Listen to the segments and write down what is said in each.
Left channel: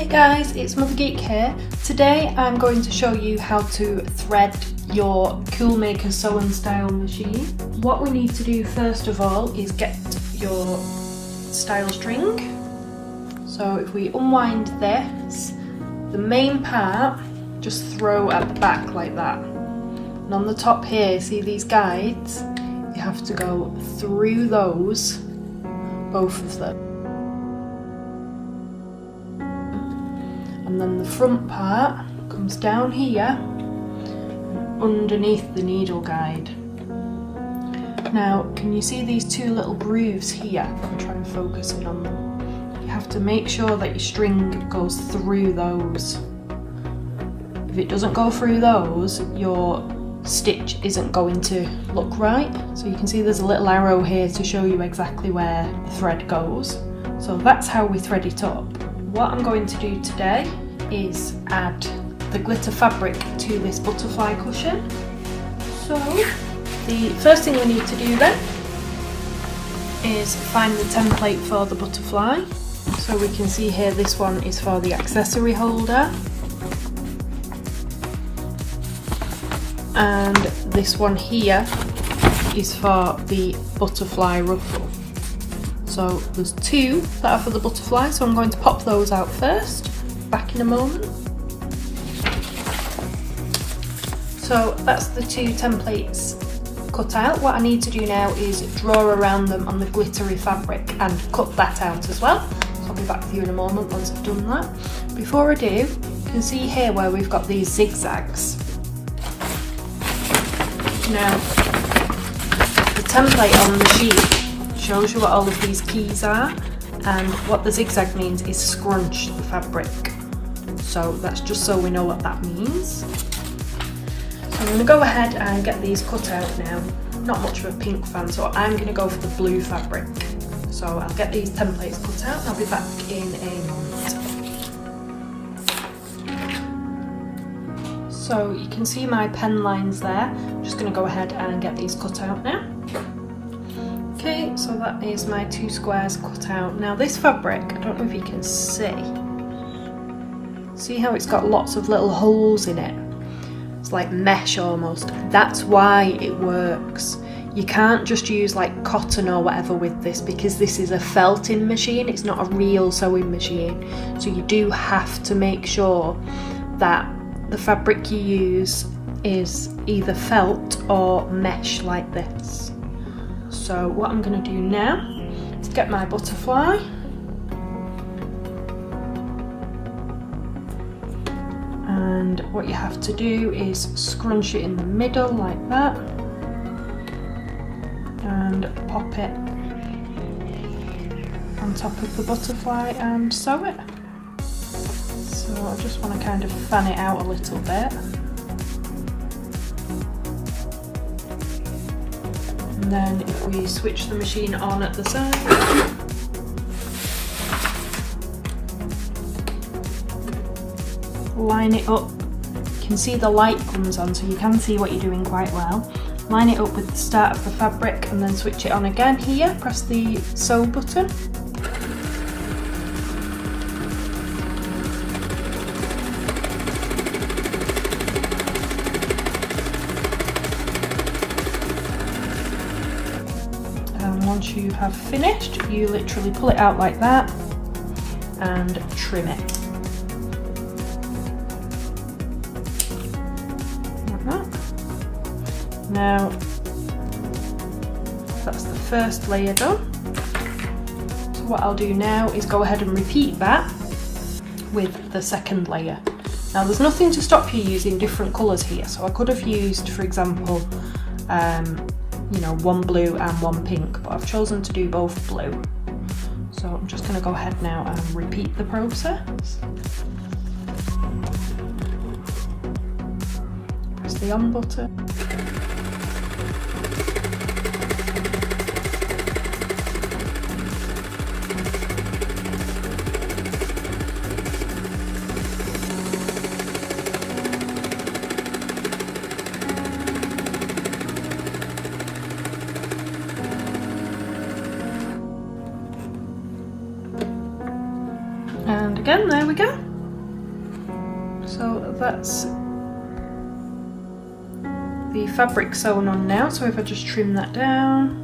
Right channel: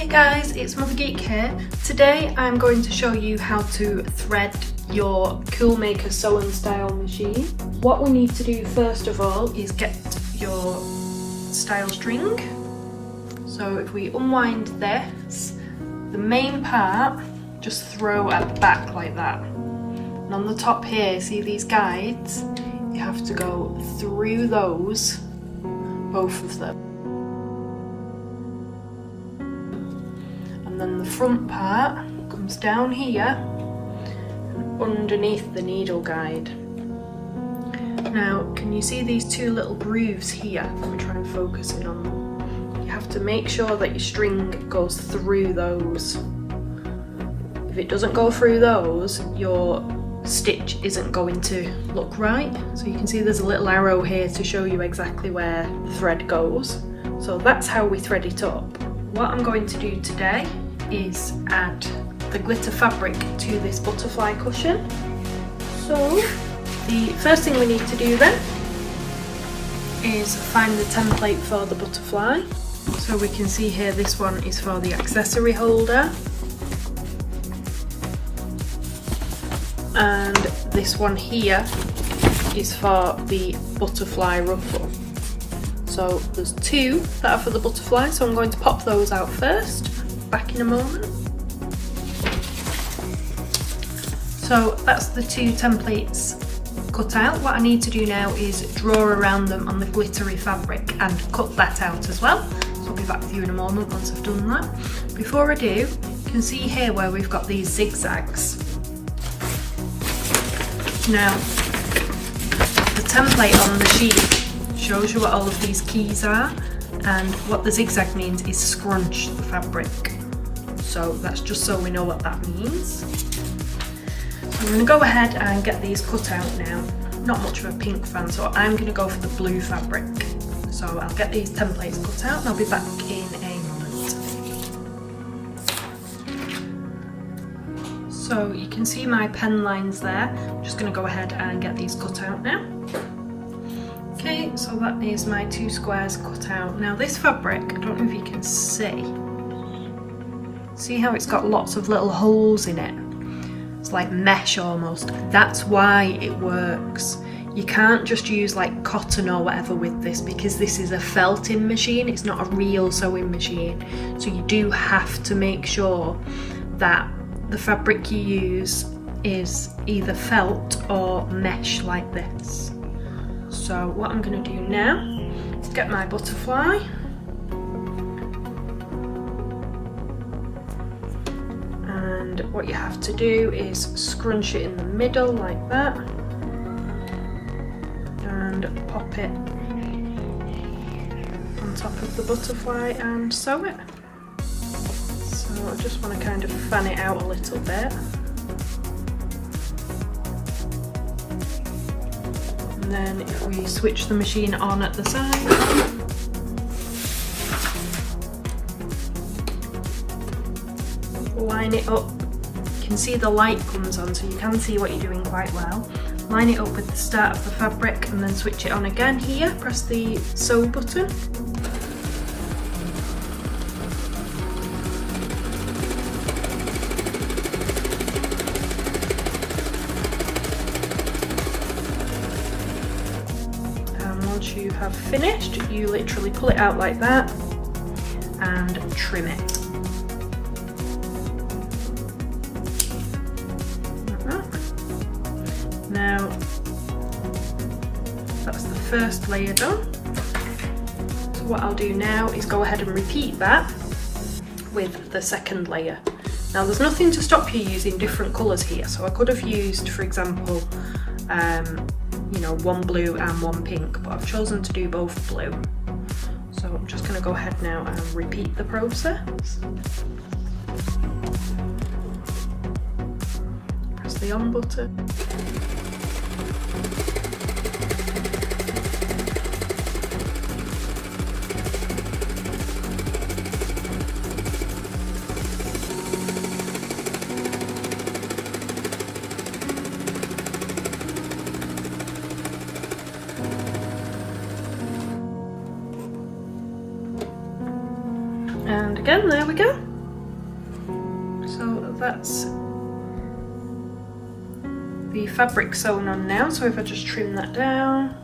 Hey guys, it's MotherGeek here. Today I'm going to show you how to thread your Cool Maker sew and style machine. What we need to do first of all is get your style string. So if we unwind this, the main part just throw at the back like that. And on the top here, see these guides? You have to go through those, both of them. And then the front part comes down here and underneath the needle guide. Now, can you see these two little grooves here? I'll try and focus in on them. You have to make sure that your string goes through those. If it doesn't go through those, your stitch isn't going to look right. So you can see there's a little arrow here to show you exactly where the thread goes. So that's how we thread it up. What I'm going to do today is add the glitter fabric to this butterfly cushion. So the first thing we need to do then is find the template for the butterfly. So we can see here this one is for the accessory holder, and this one here is for the butterfly ruffle. So there's two that are for the butterfly, so I'm going to pop those out first. Back in a moment. So that's the two templates cut out. What I need to do now is draw around them on the glittery fabric and cut that out as well. So I'll be back with you in a moment once I've done that. Before I do, you can see here where we've got these zigzags. Now, the template on the sheet shows you what all of these keys are, and what the zigzag means is scrunch the fabric. So that's just so we know what that means. I'm going to go ahead and get these cut out now. Not much of a pink fan, so I'm going to go for the blue fabric. So I'll get these templates cut out and I'll be back in a moment. So you can see my pen lines there. I'm just going to go ahead and get these cut out now. Okay, so that is my two squares cut out. Now this fabric, I don't know if you can see how it's got lots of little holes in it? It's like mesh almost. That's why it works. You can't just use like cotton or whatever with this, because this is a felting machine, it's not a real sewing machine. So you do have to make sure that the fabric you use is either felt or mesh like this. So what I'm going to do now is get my butterfly. And what you have to do is scrunch it in the middle like that and pop it on top of the butterfly and sew it. So I just want to kind of fan it out a little bit. And then if we switch the machine on at the side, line it up. You can see the light comes on, so you can see what you're doing quite well. Line it up with the start of the fabric and then switch it on again here. Press the sew button. And once you have finished, you literally pull it out like that and trim it. Now, that's the first layer done. So what I'll do now is go ahead and repeat that with the second layer. Now there's nothing to stop you using different colours here, so I could have used, for example, one blue and one pink, but I've chosen to do both blue. So I'm just going to go ahead now and repeat the process. Press the on button. And again, there we go. So that's the fabric sewn on now, so if I just trim that down.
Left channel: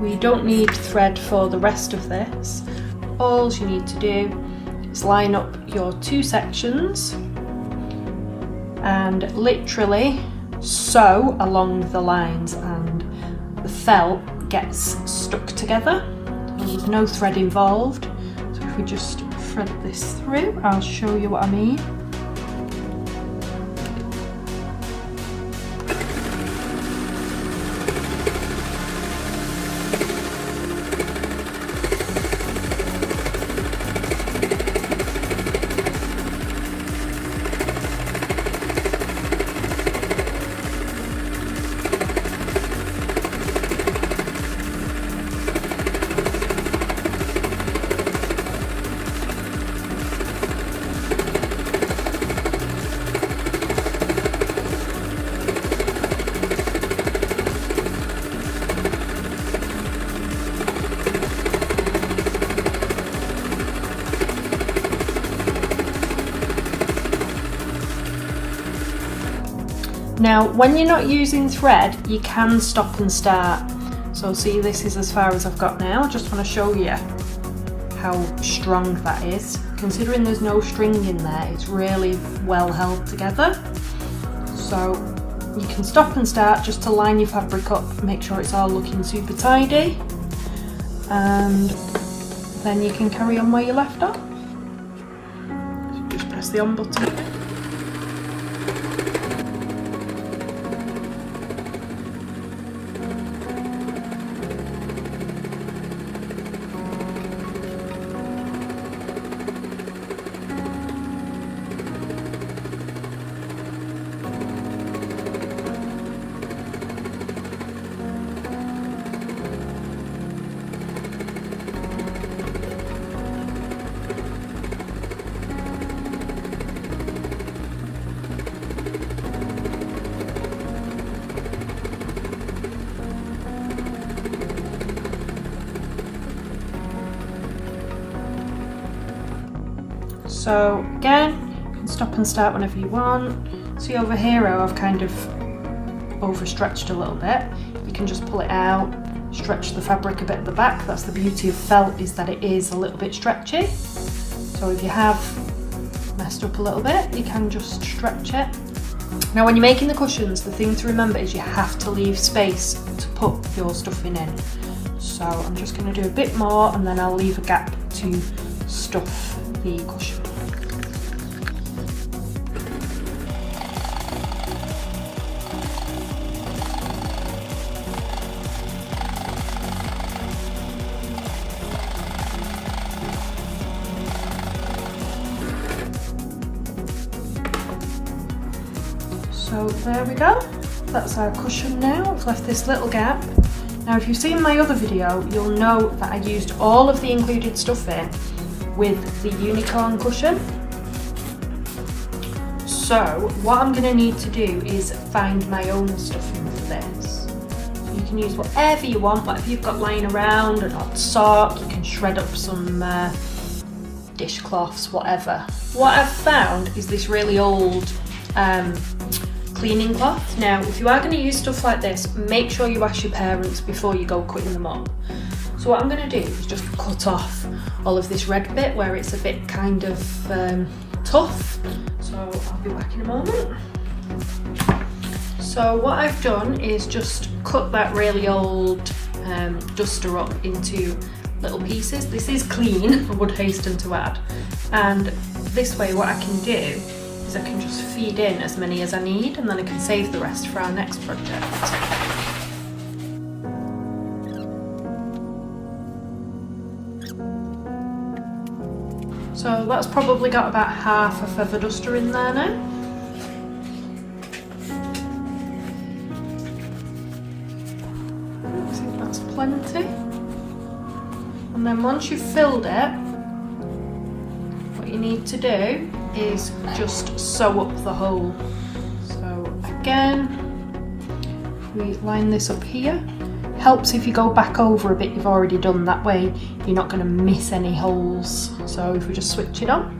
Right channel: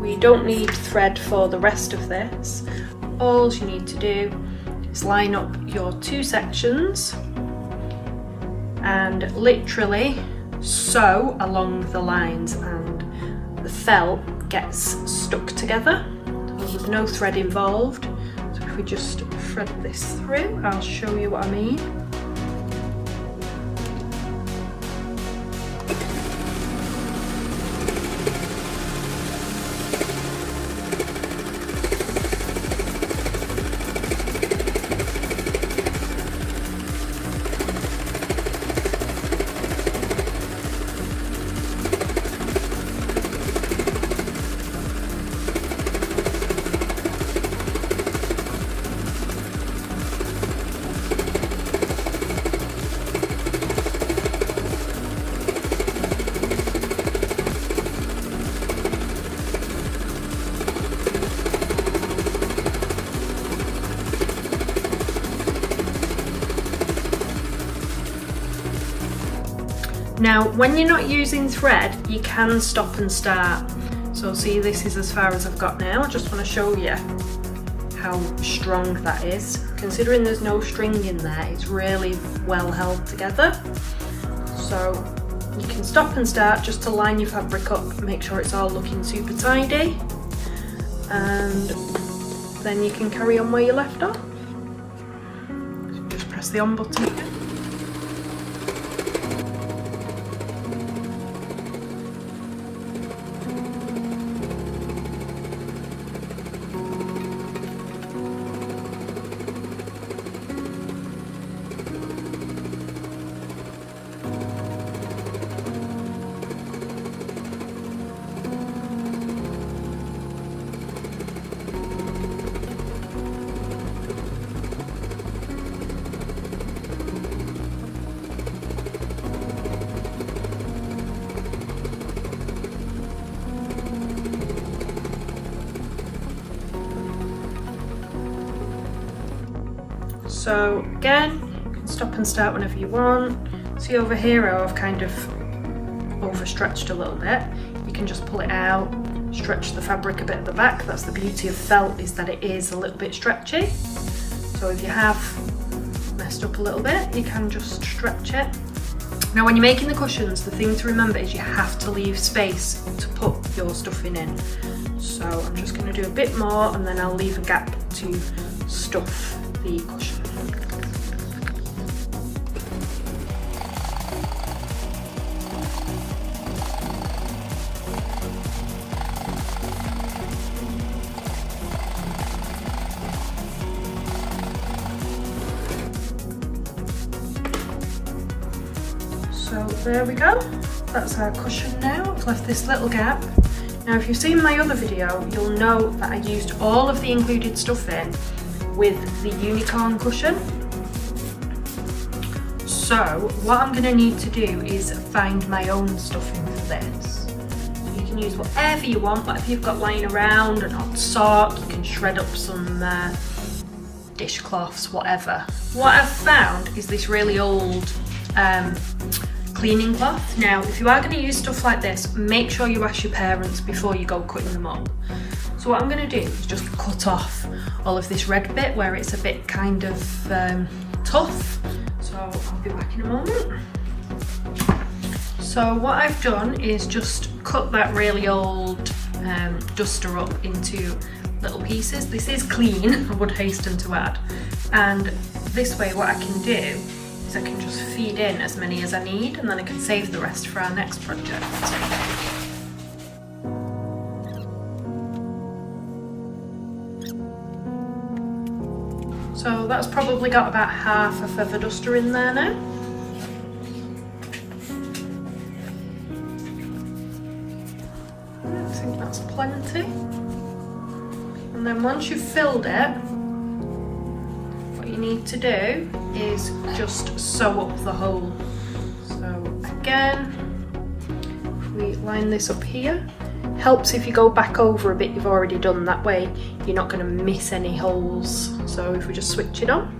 We don't need thread for the rest of this. All you need to do is line up your two sections and literally sew along the lines, and the felt gets stuck together. There's no thread involved. So if we just thread this through, I'll show you what I mean. Now, when you're not using thread, you can stop and start. So see, this is as far as I've got now. I just want to show you how strong that is. Considering there's no string in there, it's really well held together. So you can stop and start just to line your fabric up, make sure it's all looking super tidy, and then you can carry on where you left off. Just press the on button. So again, you can stop and start whenever you want. See over here how I've kind of overstretched a little bit. You can just pull it out, stretch the fabric a bit at the back. That's the beauty of felt, is that it is a little bit stretchy. So if you have messed up a little bit, you can just stretch it. Now when you're making the cushions, the thing to remember is you have to leave space to put your stuffing in. So I'm just going to do a bit more, and then I'll leave a gap to stuff the cushion. So there we go, that's our cushion now. I've left this little gap. Now if you've seen my other video, you'll know that I used all of the included stuffing with the unicorn cushion. So what I'm going to need to do is find my own stuffing for this. You can use whatever you want, whatever you've got lying around, an old sock, you can shred up some dishcloths, whatever. What I've found is this really old cleaning cloth. Now if you are going to use stuff like this, make sure you ask your parents before you go cutting them up. So what I'm going to do is just cut off all of this red bit where it's a bit kind of tough. So I'll be back in a moment. So what I've done is just cut that really old duster up into little pieces. This is clean, I would hasten to add. And this way what I can do is I can just feed in as many as I need, and then I can save the rest for our next project. So that's probably got about half a feather duster in there now. I think that's plenty. And then once you've filled it, what you need to do is just sew up the hole. So again, we line this up here. Helps if you go back over a bit you've already done, that way you're not going to miss any holes. So if we just switch it on.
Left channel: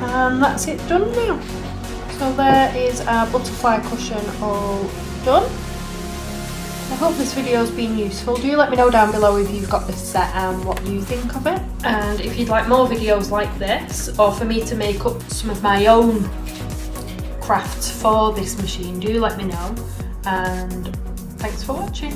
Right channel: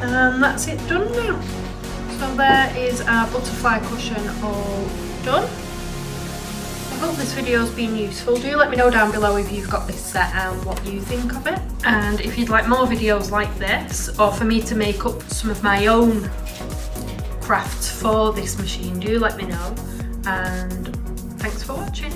And that's it done now. So there is our butterfly cushion all done. I hope this video has been useful. Do let me know down below if you've got this set and what you think of it. And if you'd like more videos like this, or for me to make up some of my own crafts for this machine, do let me know. And thanks for watching.